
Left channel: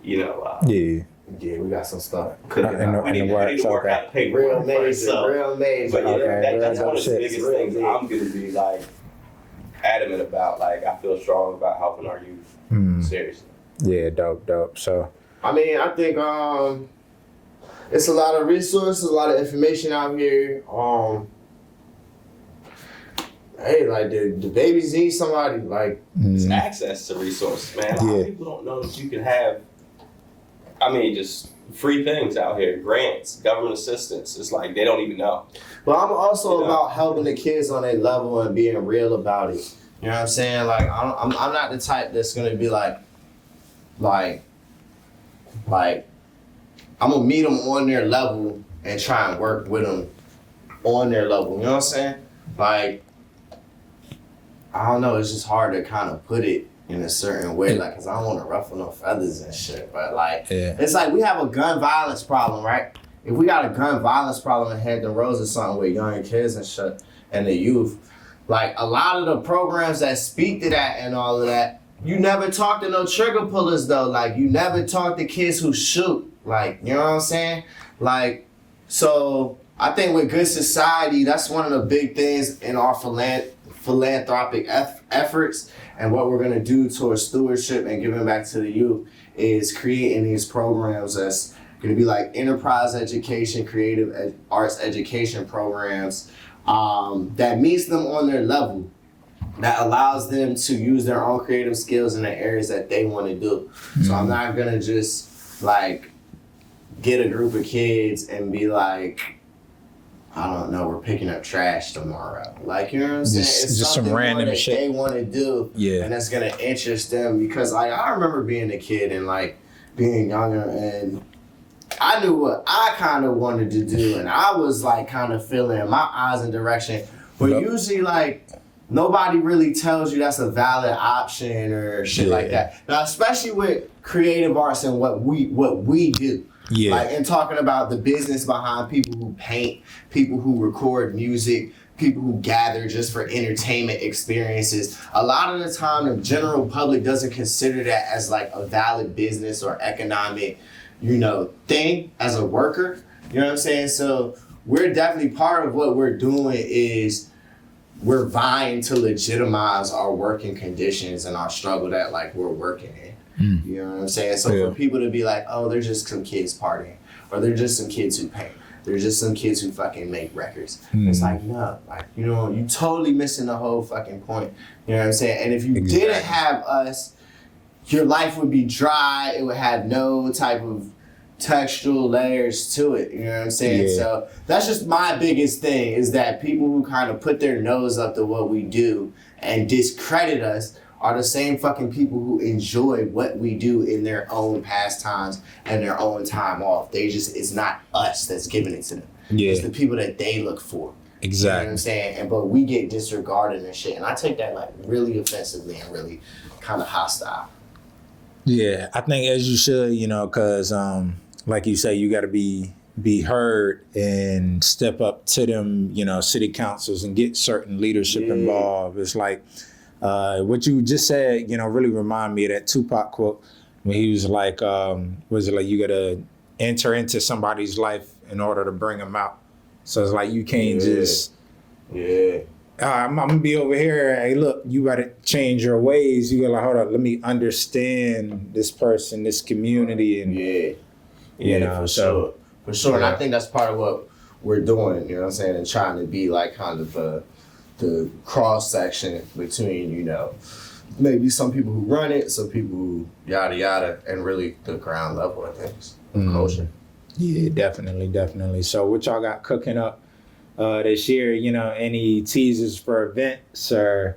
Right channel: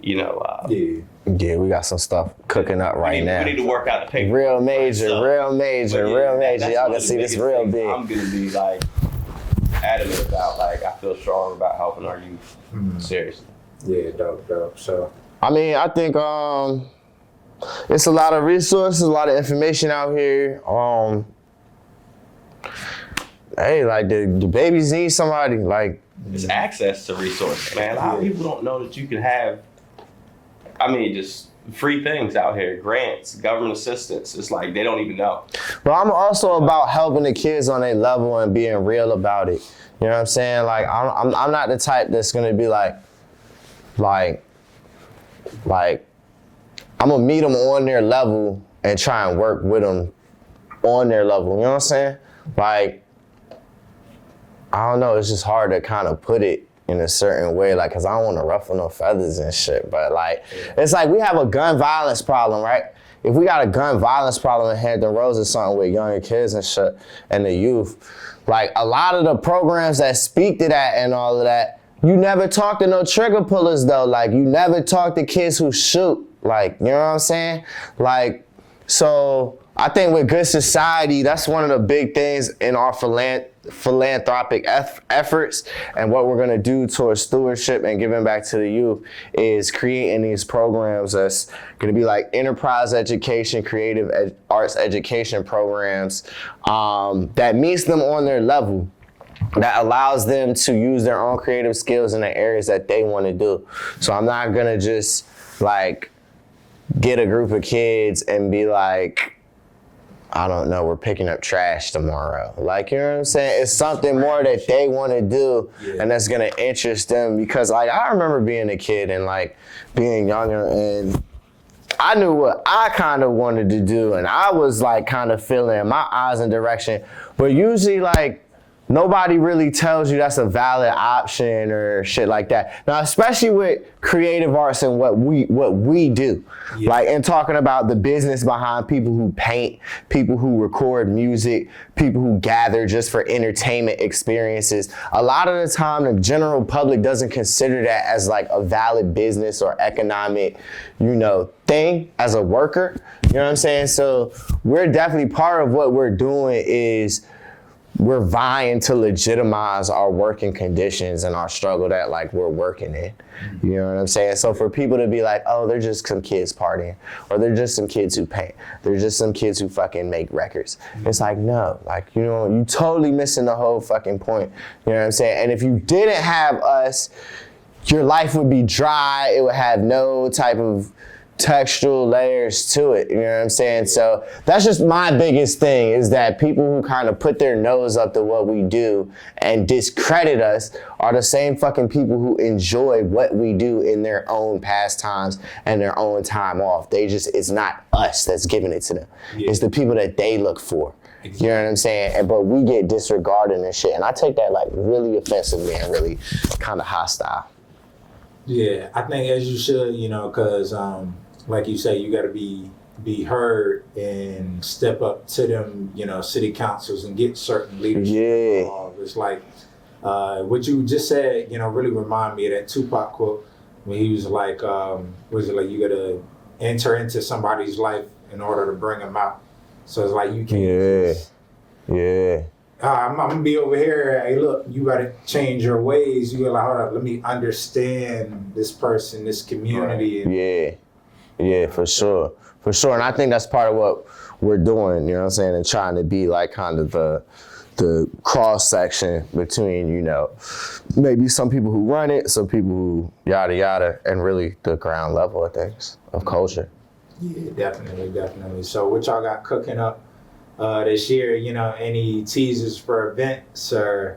you know. Yeah, we got some stuff cooking up right now. We need to work out the paper. Real major. Y'all can see this real big. I'm going to be like adamant about, like, I feel strong about helping our youth. Seriously. Yeah, dope. So, I mean, I think it's a lot of resources, a lot of information out here. Hey, like the babies need somebody. Like, it's access to resources, man. A lot of people don't know that you can have, I mean, just free things out here, grants, government assistance. It's like they don't even know. But I'm also about helping the kids on their level and being real about it. You know what I'm saying? Like, I'm not the type that's gonna be like I'm gonna meet them on their level and try and work with them on their level. You know what I'm saying? Like, I don't know. It's just hard to kind of put it in a certain way, like, cause I don't want to ruffle no feathers and shit. But like, it's like we have a gun violence problem, right? If we got a gun violence problem in Hampton Roads or something with young kids and shit and the youth, like a lot of the programs that speak to that and all of that, you never talk to no trigger pullers though. Like, you never talk to kids who shoot. Like, you know what I'm saying? Like, so I think with good society, that's one of the big things in our philanthropic efforts, and what we're gonna do towards stewardship and giving back to the youth is creating these programs that's gonna be like enterprise education, creative arts education programs that meets them on their level, that allows them to use their own creative skills in the areas that they want to do. So I'm not gonna just like get a group of kids and be like, I don't know, we're picking up trash tomorrow. Like, you know what I'm saying? It's something more that they want to do, and that's going to interest them. Because, like, I remember being a kid and, like, being younger, and I knew what I kind of wanted to do, and I was, like, kind of feeling my eyes in direction. But usually, like, nobody really tells you that's a valid option or shit like that. Now, especially with creative arts and what we do. Yeah. Like, and talking about the business behind people who paint, people who record music, people who gather just for entertainment experiences. A lot of the time, the general public doesn't consider that as like a valid business or economic, thing as a worker. You know what I'm saying? So we're definitely, part of what we're doing is we're vying to legitimize our working conditions and our struggle that like we're working in. You know what I'm saying? So for people to be like, oh, they're just some kids partying, or they're just some kids who paint, they're just some kids who fucking make records. It's like, no, like, you totally missing the whole fucking point. You know what I'm saying? And if you didn't have us, your life would be dry. It would have no type of textual layers to it, you know what I'm saying? Yeah. So that's just my biggest thing, is that people who kind of put their nose up to what we do and discredit us are the same fucking people who enjoy what we do in their own pastimes and their own time off. It's not us that's giving it to them. Yeah. It's the people that they look for. Exactly. You know what I'm saying? But we get disregarded and shit. And I take that like really offensively and really kind of hostile. Yeah, I think as you should, because like you say, you got to be heard and step up to them, city councils and get certain leadership involved. It's like what you just said, really remind me of that Tupac quote when he was like, was it like you got to enter into somebody's life in order to bring them out? So it's like you can't just I'm gonna be over here. Hey, look, you gotta change your ways. You gotta like, hold on, let me understand this person, this community. And, for sure. And I think that's part of what we're doing, you know what I'm saying, and trying to be like kind of the cross section between, maybe some people who run it, some people who yada yada, and really the ground level of things, of culture. Yeah, definitely. So what y'all got cooking up this year? Any teasers for events or?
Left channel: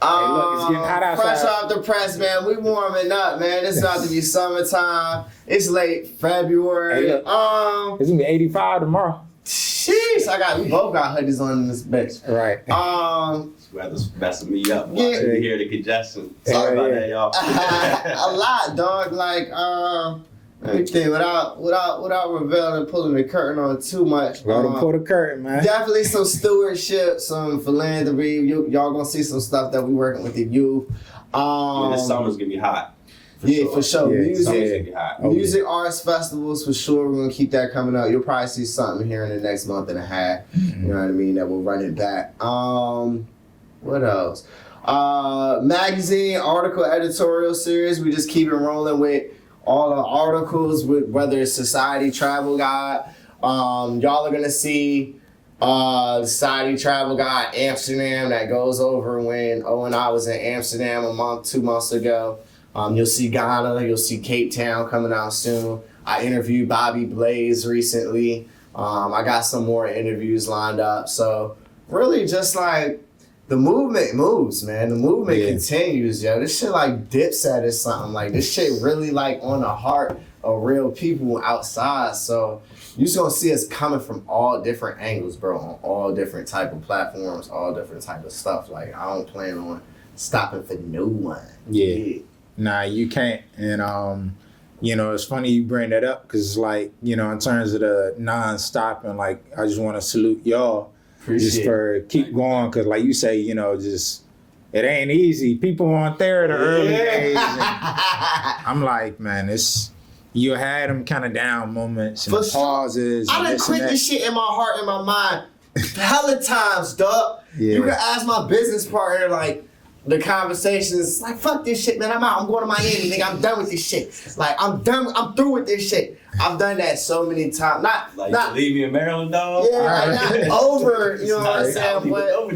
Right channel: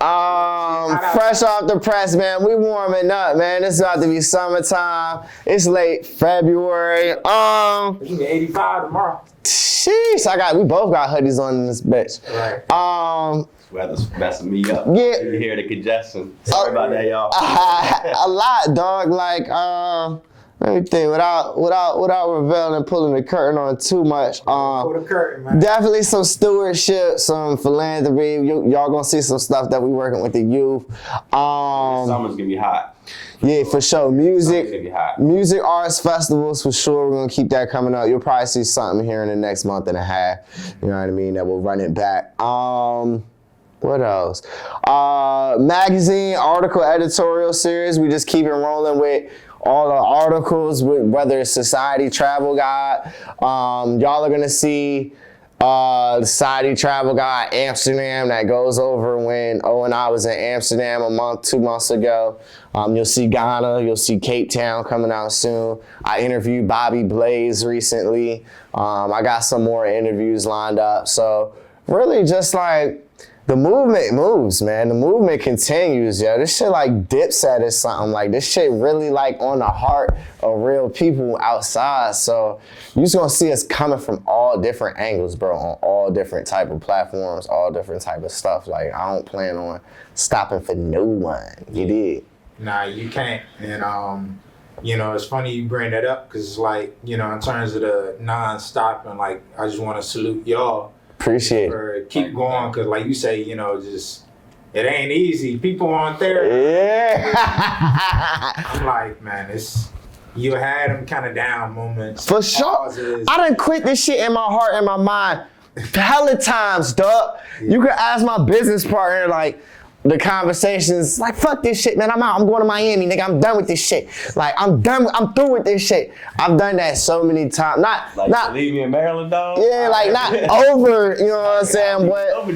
Fresh off the press, man. We warming up, man. It's about to be summertime. It's late February. It's gonna be 85 tomorrow. Sheesh, we both got hoodies on in this bitch. Right. Weather's messing me up. Yeah. You hear the congestion. Sorry about that, y'all. A lot, dog. Like, let me think, without revealing and pulling the curtain on too much. Pull the curtain, man. Definitely some stewardship, some philanthropy. Y'all gonna see some stuff that we working with the youth. This summer's gonna be hot. Yeah, for sure. Yeah, Music arts festivals for sure. We're gonna keep that coming up. You'll probably see something here in the next month and a half. You know what I mean? That will run it back. What else? Magazine, article, editorial series. We just keep it rolling with all the articles, whether it's Society Travel Guide. Y'all are gonna see the Society Travel Guide Amsterdam that goes over when O and I was in Amsterdam 2 months ago. You'll see Ghana, you'll see Cape Town coming out soon. I interviewed Bobby Blaze recently. I got some more interviews lined up. So really just like, the movement moves, man. The movement continues, yo. This shit like Dipset or something. Like, this shit really like on the heart of real people outside. So you just gonna see us coming from all different angles, bro, on all different type of platforms, all different type of stuff. Like, I don't plan on stopping for no one. Yeah. Nah, you can't. And it's funny you bring that up because it's like, in terms of the non-stopping, like, I just want to salute y'all. Appreciate for keep going, because like you say, just it ain't easy. People aren't there. I'm like, man, you had them kind of down moments. For sure. I done quit this shit in my heart and my mind hella times, dog. You can ask my business partner, like, the conversations, like, fuck this shit, man. I'm out. I'm going to Miami, nigga. I'm done with this shit. Like, I'm through with this shit. I've done that so many times. Not leave me in Maryland, dog. Yeah, like, not over, you know what I'm saying? But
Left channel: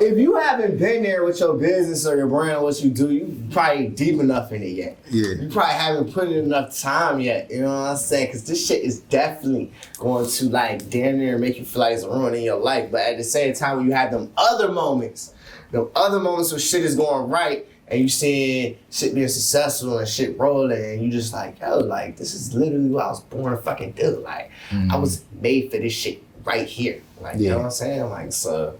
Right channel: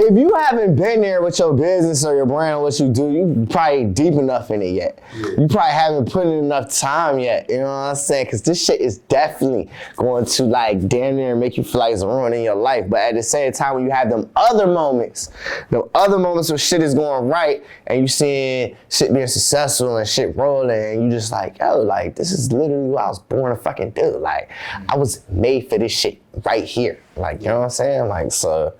if you haven't been there with your business or your brand, what you do, you probably ain't deep enough in it yet. Yeah. You probably haven't put in enough time yet, you know what I'm saying? Because this shit is definitely going to, like, damn near make you feel like it's ruining your life. But at the same time, when you have them other moments where shit is going right and you seeing shit being successful and shit rolling and you just like, yo, like, this is literally what I was born to fucking do. Like, I was made for this shit right here. Like, you know what I'm saying? Like, so,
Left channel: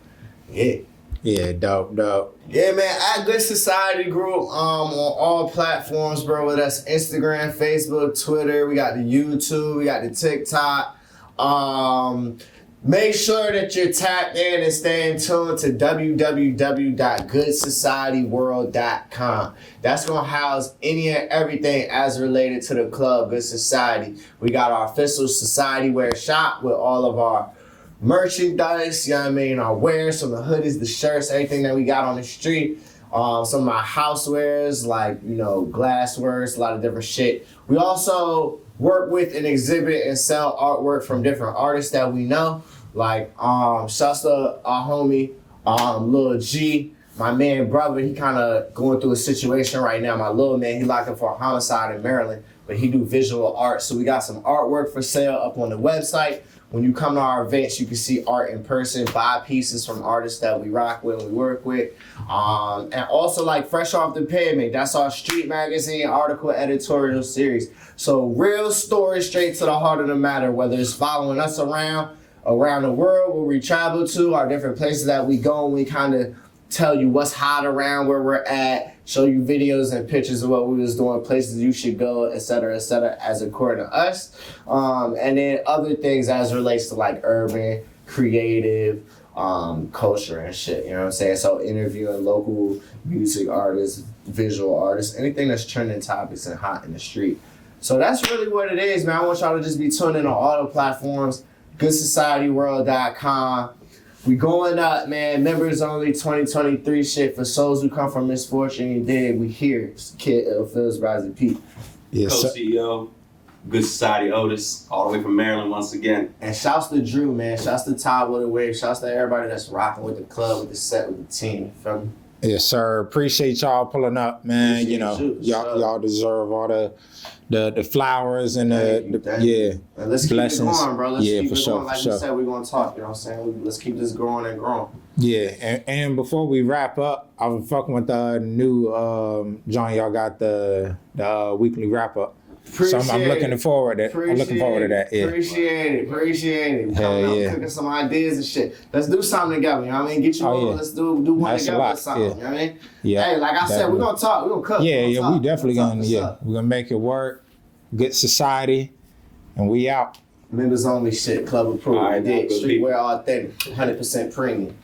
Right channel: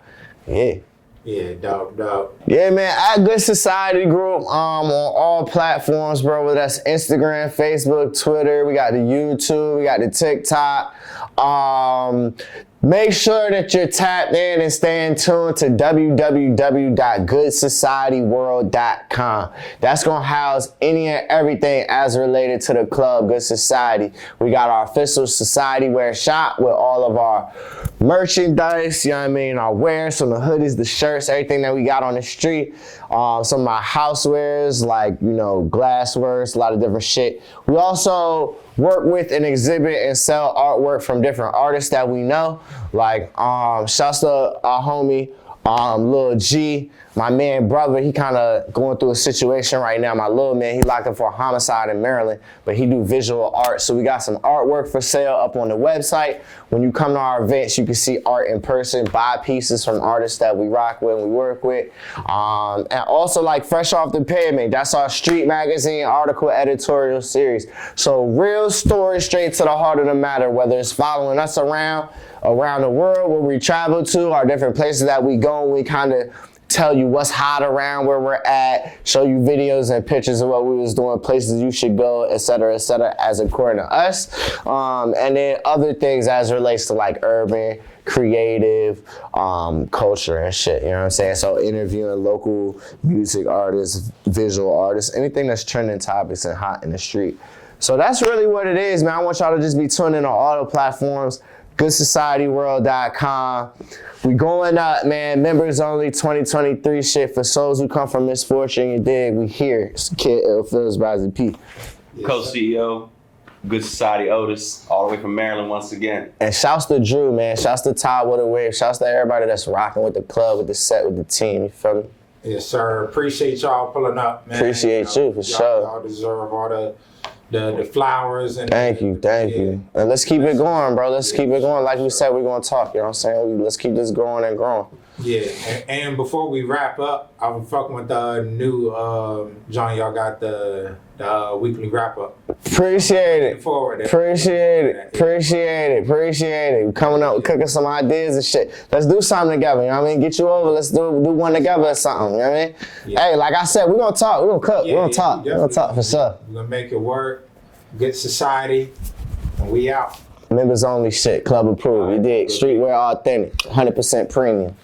yeah. Yeah, dope. Yeah, man, at Good Society Group on all platforms, bro. Whether that's Instagram, Facebook, Twitter. We got the YouTube. We got the TikTok. Make sure that you're tapped in and staying tuned to www.goodsocietyworld.com. That's going to house any and everything as related to the club, Good Society. We got our official society wear shop with all of our merchandise, you know what I mean, our wares, from the hoodies, the shirts, everything that we got on the street. Some of my housewares, like, you know, glasswares, a lot of different shit. We also work with and exhibit and sell artwork from different artists that we know. Like, shouts to our homie, Lil G. My man, brother, he kind of going through a situation right now. My little man, he locked up for a homicide in Maryland, but he do visual art. So we got some artwork for sale up on the website. When you come to our events, you can see art in person, buy pieces from artists that we rock with, we work with. And also, like, Fresh Off the Pavement, that's our street magazine article editorial series. So real stories straight to the heart of the matter, whether it's following us around the world, where we travel to, our different places that we go, and we kind of tell you what's hot around where we're at, show you videos and pictures of what we was doing, places you should go, et cetera, as according to us. And then other things as it relates to like urban, creative, culture and shit, you know what I'm saying? So interviewing local music artists, visual artists, anything that's trending topics and hot in the street. So that's really what it is, man. I want y'all to just be tuning in on all the platforms, goodsocietyworld.com. We going up, man. Members only 2023 shit for souls who come from misfortune. You dig? We here. It's Kid Phil's Rising Pete. Yes, Co-CEO, Good Society Otis, all the way from Maryland once again. And shouts to Drew, man. Shouts to Todd Woodward. Shouts to everybody that's rocking with the club, with the set, with the team. You feel me? Yes, sir. Appreciate y'all pulling up, man. Appreciate you, for sure. Y'all deserve all the flowers and thank you. And let's keep it going, bro. Let's keep it going. Like we said, we're gonna talk. You know what I'm saying? Let's keep this growing and growing. Yeah, and before we wrap up, I'm fucking with the new John. Y'all got the weekly wrap up. Appreciate I'm looking forward to that. Yeah. Appreciate it. Coming up, cooking some ideas and shit. Let's do something together. You know what I mean? Get you over. Yeah. Let's do one together or something. You know what I mean? Yeah. Hey, like I said, we're gonna talk. We're gonna cook. Yeah, we're gonna talk. We definitely talk for sure. We're gonna make it work. Good society, and we out. Members only shit. Club approved. You dig? Streetwear authentic. 100% premium.